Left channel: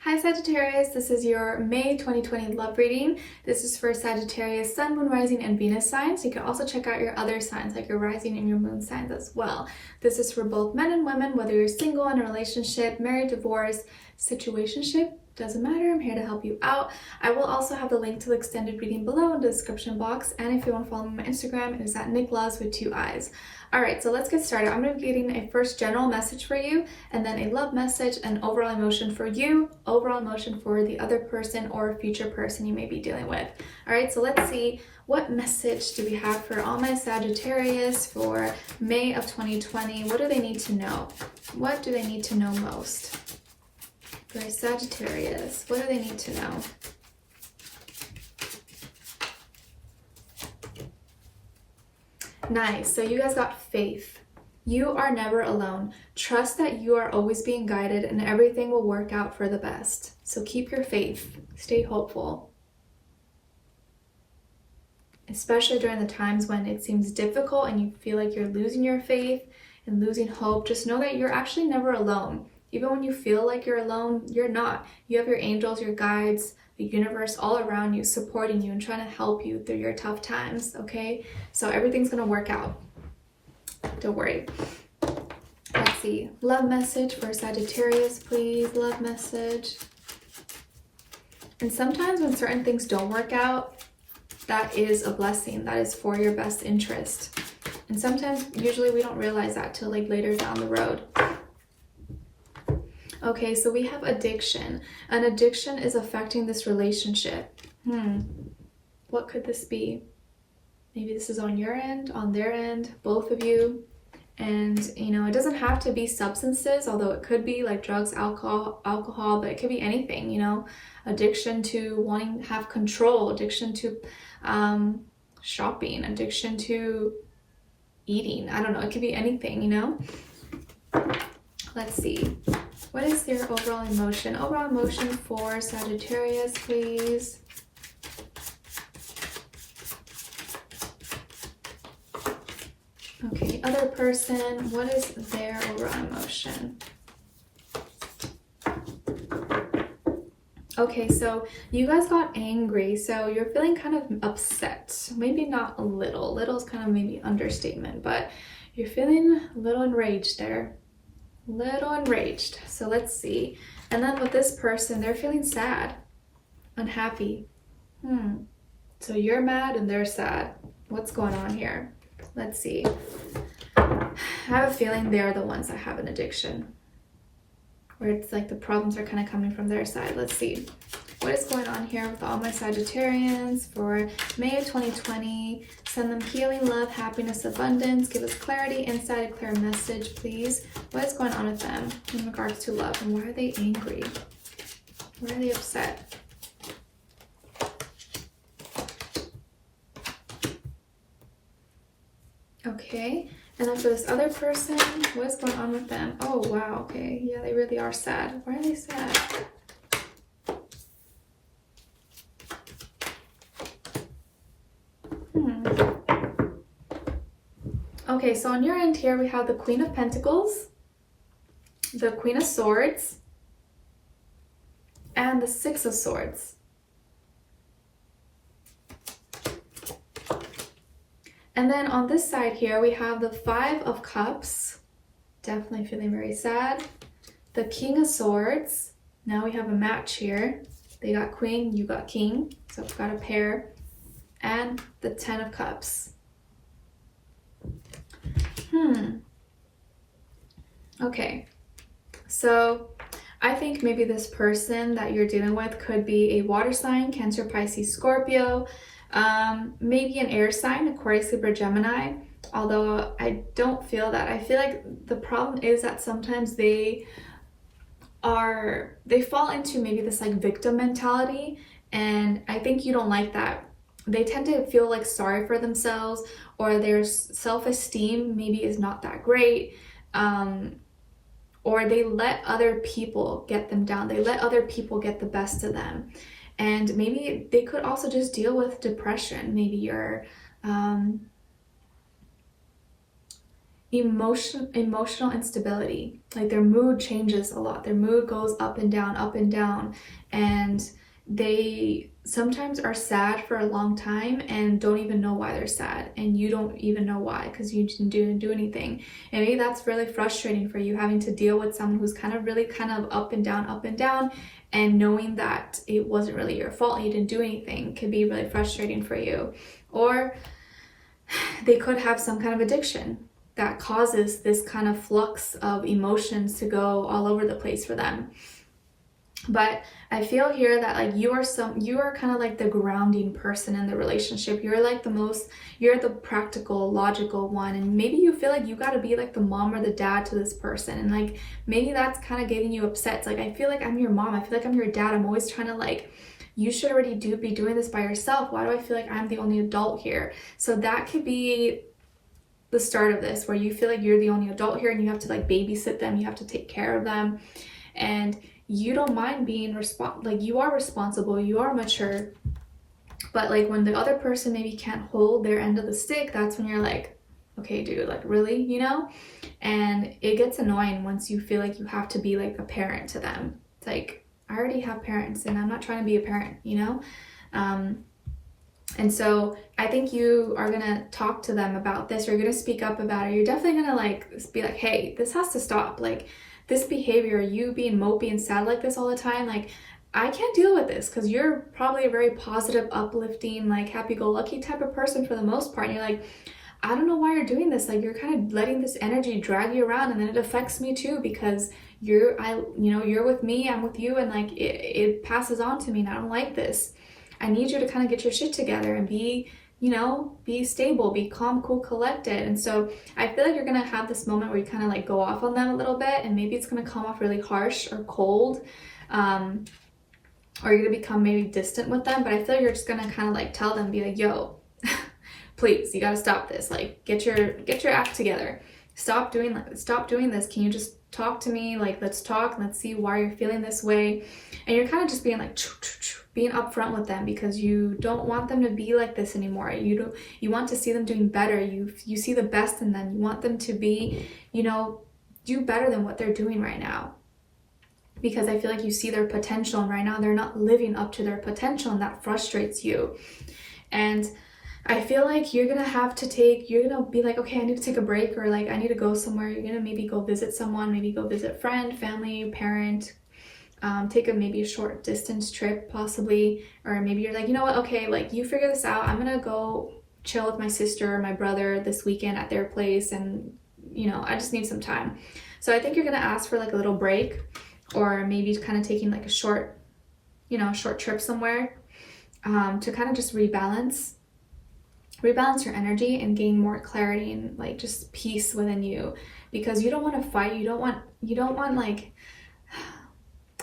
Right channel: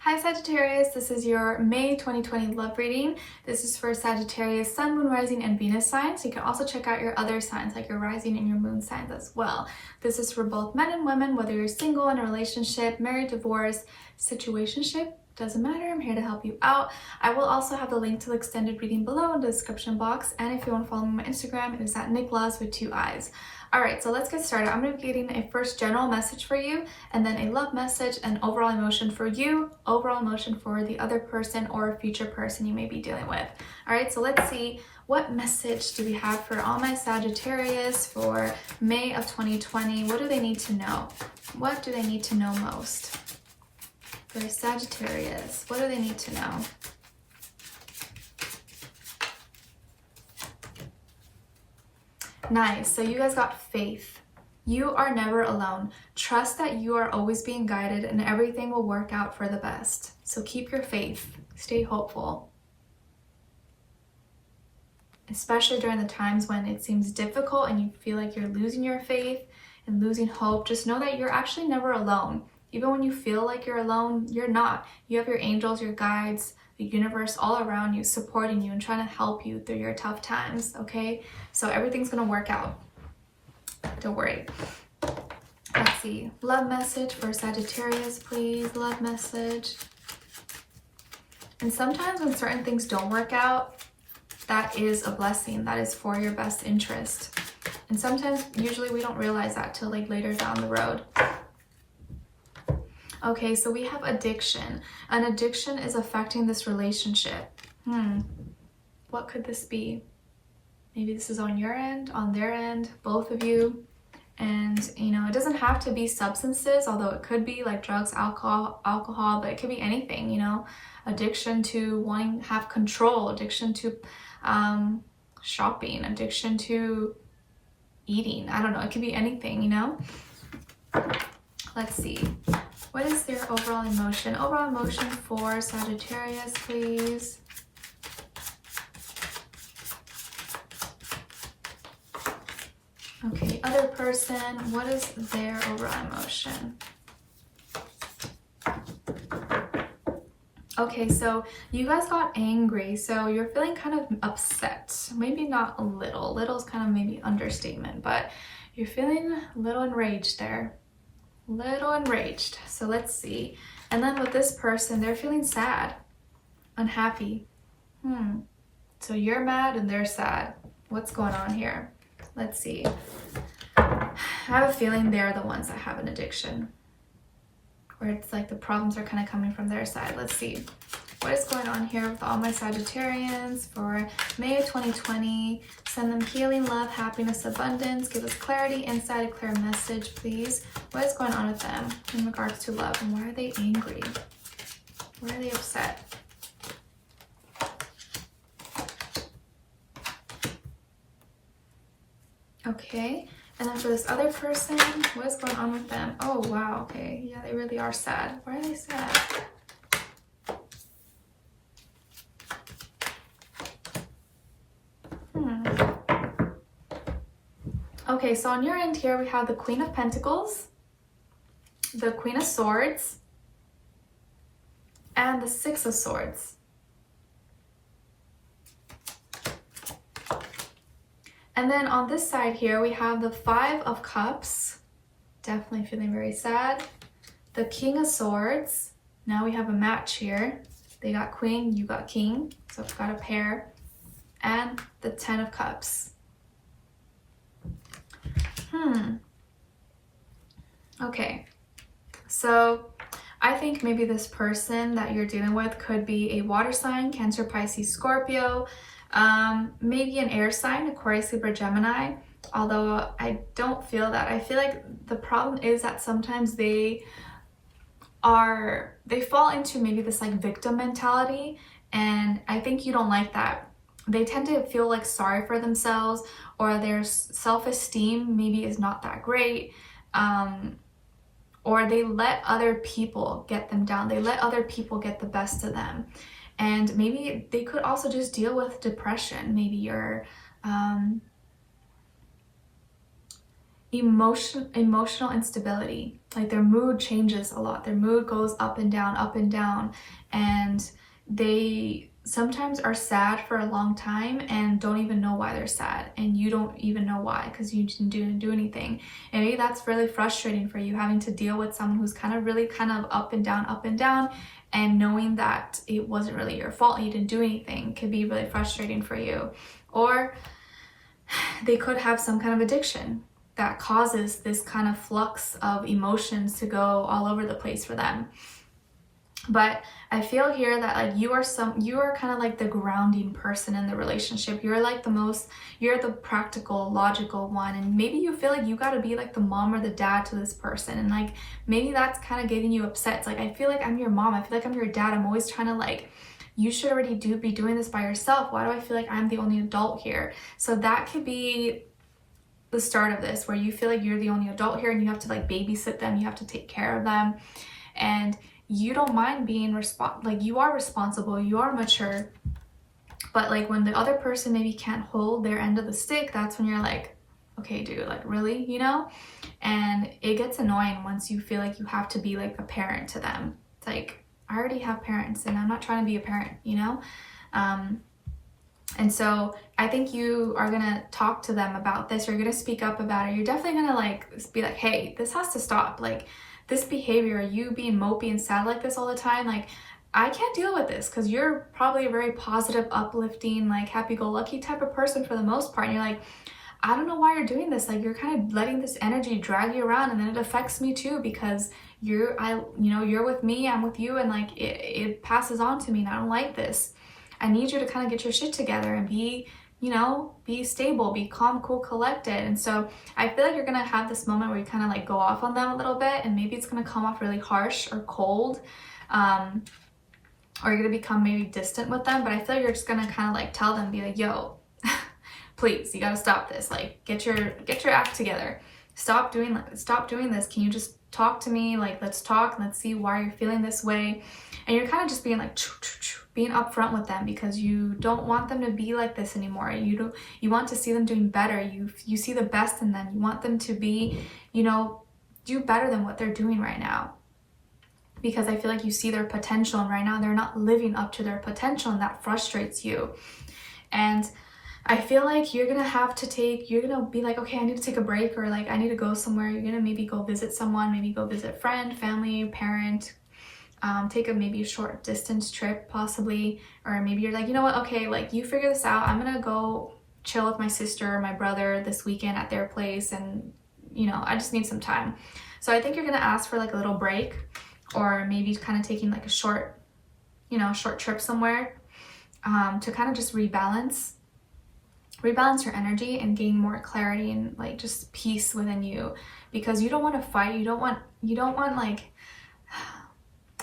Hi Sagittarius, this is your May 2020 love reading. This is for Sagittarius, Sun, Moon, Rising, and Venus signs. You can also check out your other signs like your Rising and your Moon signs as well. This is for both men and women, whether you're single, in a relationship, married, divorced, situationship, doesn't matter. I'm here to help you out. I will also have the link to the extended reading below in the description box. And if you want to follow me on my Instagram, it is at Nicloves with 2 eyes. All right, so let's get started. I'm going to be getting a first general message for you, and then a love message, and overall emotion for you, overall emotion for the other person or future person you may be dealing with. All right, so let's see, what message do we have for all my Sagittarius for May of 2020? What do they need to know? What do they need to know most? For Sagittarius, what do they need to know? Nice. So you guys got faith. You are never alone. Trust that you are always being guided and everything will work out for the best. So keep your faith. Stay hopeful. Especially during the times when it seems difficult and you feel like you're losing your faith and losing hope, just know that you're actually never alone. Even when you feel like you're alone, you're not. You have your angels, your guides, the universe all around you, supporting you and trying to help you through your tough times, okay? So everything's gonna work out. Don't worry. Let's see. Love message for Sagittarius, please. Love message. And sometimes when certain things don't work out, that is a blessing. That is for your best interest. And sometimes, usually we don't realize that till like later down the road. Okay, so we have addiction. An addiction is affecting this relationship. What could this be? Maybe this is on your end, on their end, both of you. And, you know, it doesn't have to be substances, although it could be like drugs, alcohol, but it could be anything, you know. Addiction to wanting to have control, addiction to shopping, addiction to eating. I don't know, it could be anything, you know. Let's see. What is their overall emotion? Overall emotion for Sagittarius, please. Okay, other person, what is their overall emotion? Okay, so you guys got angry, so you're feeling kind of upset. Maybe not a little. Little is kind of maybe understatement, but you're feeling a little enraged there. Little enraged. So let's see. And then with this person, they're feeling sad, unhappy. So you're mad and they're sad. What's going on here? Let's see. I have a feeling they're the ones that have an addiction, or it's like the problems are kind of coming from their side. Let's see. What is going on here with all my Sagittarians for May of 2020? Send them healing, love, happiness, abundance. Give us clarity, insight, a clear message, please. What is going on with them in regards to love? And why are they angry? Why are they upset? Okay. And then for this other person, what is going on with them? Oh, wow. Okay. Yeah, they really are sad. Why are they sad? Okay, so on your end here, we have the Queen of Pentacles, the Queen of Swords, and the Six of Swords. And then on this side here, we have the Five of Cups, definitely feeling very sad. The King of Swords, now we have a match here. They got Queen, you got King, so we've got a pair. And the Ten of Cups. Okay, so I think maybe this person that you're dealing with could be a water sign, Cancer, Pisces, Scorpio, maybe an air sign, Aquarius, Libra, Gemini, although I don't feel that. I feel like the problem is that sometimes they fall into maybe this like victim mentality, and I think you don't like that. They tend to feel like sorry for themselves, or their self-esteem maybe is not that great, or they let other people get them down. They let other people get the best of them. And maybe they could also just deal with depression. Maybe you're emotional instability. Like their mood changes a lot. Their mood goes up and down, and they sometimes are sad for a long time and don't even know why they're sad, and you don't even know why because you didn't do anything. And maybe that's really frustrating for you, having to deal with someone who's kind of up and down, and knowing that it wasn't really your fault, you didn't do anything, can be really frustrating for you. Or they could have some kind of addiction that causes this kind of flux of emotions to go all over the place for them. But I feel here that like you are kind of like the grounding person in the relationship. You're like you're the practical, logical one, and maybe you feel like you got to be like the mom or the dad to this person, and like maybe that's kind of getting you upset. It's like, I feel like I'm your mom, I feel like I'm your dad, I'm always trying to like, you should already be doing this by yourself. Why do I feel like I'm the only adult here? So that could be the start of this, where you feel like you're the only adult here and you have to like babysit them, you have to take care of them, and you don't mind being like you are responsible, you are mature, but like when the other person maybe can't hold their end of the stick, that's when you're like, okay dude, like really, you know? And it gets annoying once you feel like you have to be like a parent to them. It's like, I already have parents and I'm not trying to be a parent, you know? And so I think you are gonna talk to them about this, or you're gonna speak up about it. You're definitely gonna like be like, hey, this has to stop. Like this behavior, you being mopey and sad like this all the time, like I can't deal with this, because you're probably a very positive, uplifting, like happy-go-lucky type of person for the most part. And you're like, I don't know why you're doing this. Like you're kind of letting this energy drag you around, and then it affects me too, because you're with me, I'm with you, and like it passes on to me, and I don't like this. I need you to kind of get your shit together and be stable, be calm, cool, collected. And so I feel like you're gonna have this moment where you kind of like go off on them a little bit, and maybe it's gonna come off really harsh or cold, or you're gonna become maybe distant with them. But I feel like you're just gonna kind of like tell them, be like, yo, please, you gotta stop this. Like get your act together. Stop doing this. Can you just talk to me? Like let's talk and let's see why you're feeling this way. And you're kind of just being like being upfront with them, because you don't want them to be like this anymore. You want to see them doing better. You see the best in them. You want them to be, do better than what they're doing right now, because I feel like you see their potential, and right now they're not living up to their potential, and that frustrates you. And I feel like you're gonna be like, okay, I need to take a break, or like I need to go somewhere. You're gonna maybe go visit someone, maybe go visit friend, family, parent, take maybe a short distance trip possibly. Or maybe you're like, you know what, okay, like you figure this out, I'm gonna go chill with my sister or my brother this weekend at their place, and I just need some time. So I think you're gonna ask for like a little break, or maybe kind of taking like a short trip somewhere, to kind of just rebalance your energy and gain more clarity and like just peace within you, because you don't want to fight. You don't want like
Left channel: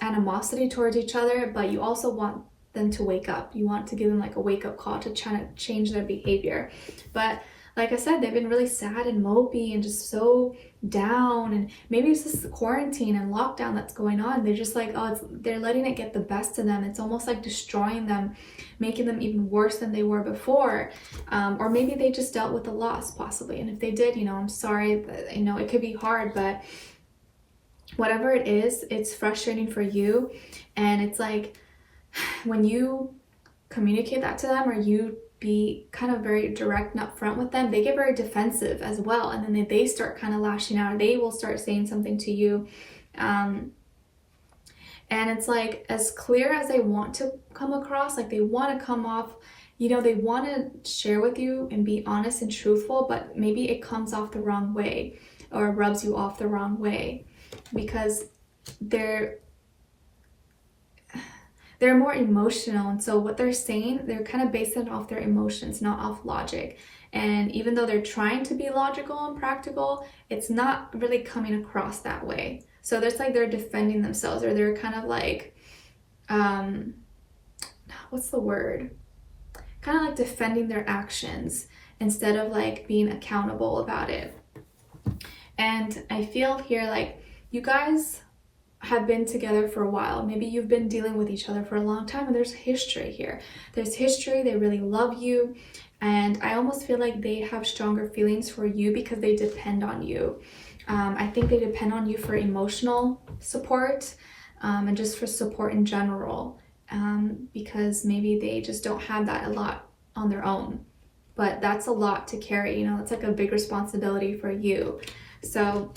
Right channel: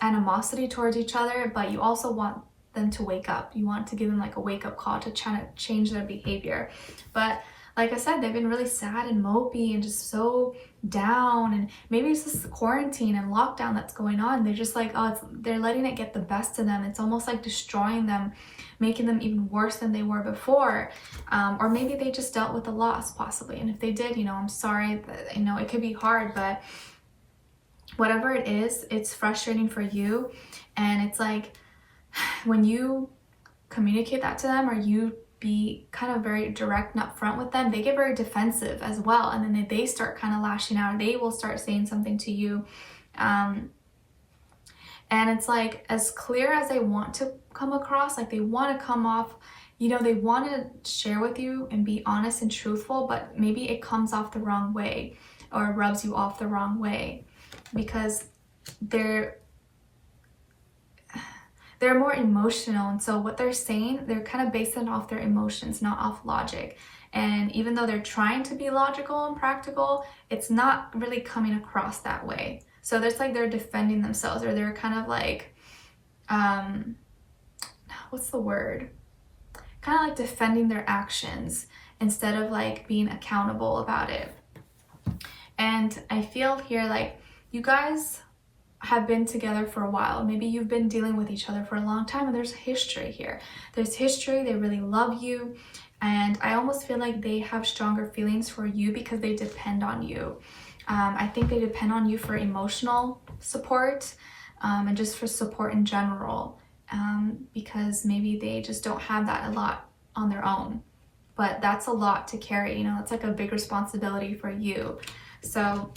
animosity towards each other, but you also want them to wake up. You want to give them like a wake-up call to try to change their behavior. But like I said, they've been really sad and mopey and just so down, and maybe it's just the quarantine and lockdown that's going on. They're just like, they're letting it get the best of them. It's almost like destroying them, making them even worse than they were before. Or maybe they just dealt with a loss possibly, and if they did, I'm sorry. It could be hard, but whatever it is, it's frustrating for you. And it's like when you communicate that to them, or you be kind of very direct and upfront with them, they get very defensive as well, and then they start kind of lashing out, or they will start saying something to you, and it's like, as clear as they want to come across, like they want to come off, they want to share with you and be honest and truthful, but maybe it comes off the wrong way, or rubs you off the wrong way, because they're more emotional. And so what they're saying, they're kind of basing it off their emotions, not off logic. And even though they're trying to be logical and practical, it's not really coming across that way. So there's like, they're defending themselves, or they're kind of like, what's the word? Kind of like defending their actions instead of like being accountable about it. And I feel here like you guys have been together for a while. Maybe you've been dealing with each other for a long time, and there's history here. There's history. They really love you. And I almost feel like they have stronger feelings for you because they depend on you. I think they depend on you for emotional support and just for support in general, because maybe they just don't have that a lot on their own. But that's a lot to carry, you know, it's like a big responsibility for you. So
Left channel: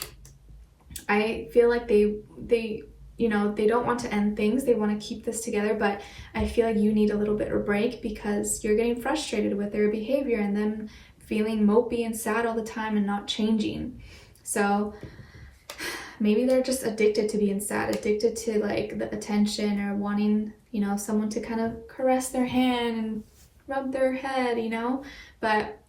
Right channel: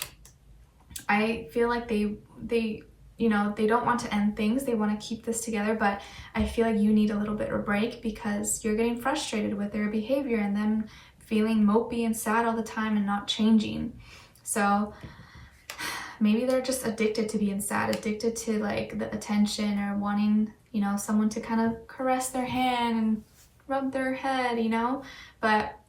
I feel like they you know, they don't want to end things, they want to keep this together, but I feel like you need a little bit of a break because you're getting frustrated with their behavior and them feeling mopey and sad all the time and not changing. So maybe they're just addicted to being sad, addicted to like the attention, or wanting, you know, someone to kind of caress their hand and rub their head, you know. But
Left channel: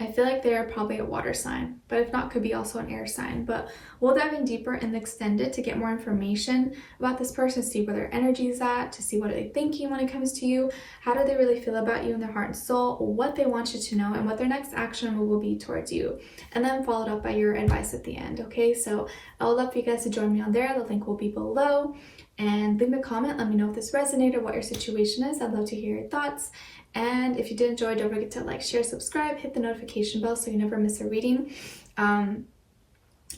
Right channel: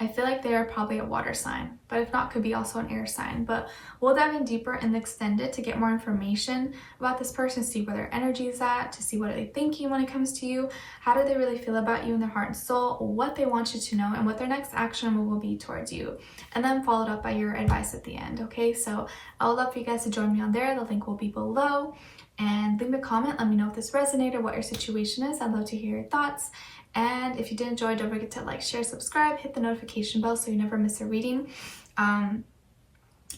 I feel like they're probably a water sign, but if not, could be also an air sign. But we'll dive in deeper in the extended to get more information about this person, see where their energy is at, to see what are they thinking when it comes to you, how do they really feel about you in their heart and soul, what they want you to know, and what their next action move will be towards you. And then followed up by your advice at the end, okay? So I would love for you guys to join me on there. The link will be below. And leave me a comment, let me know if this resonated or what your situation is. I'd love to hear your thoughts. And if you did enjoy, don't forget to like, share, subscribe, hit the notification bell so you never miss a reading.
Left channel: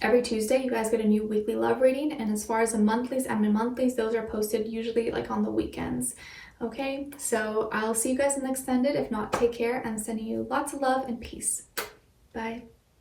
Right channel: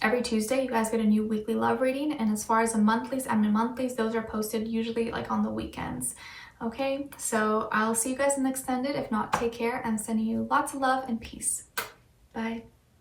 Every Tuesday, you guys get a new weekly love reading. And as far as the monthlies and monthlies, those are posted usually like on the weekends. Okay, so I'll see you guys in the extended. If not, take care. I'm sending you lots of love and peace. Bye.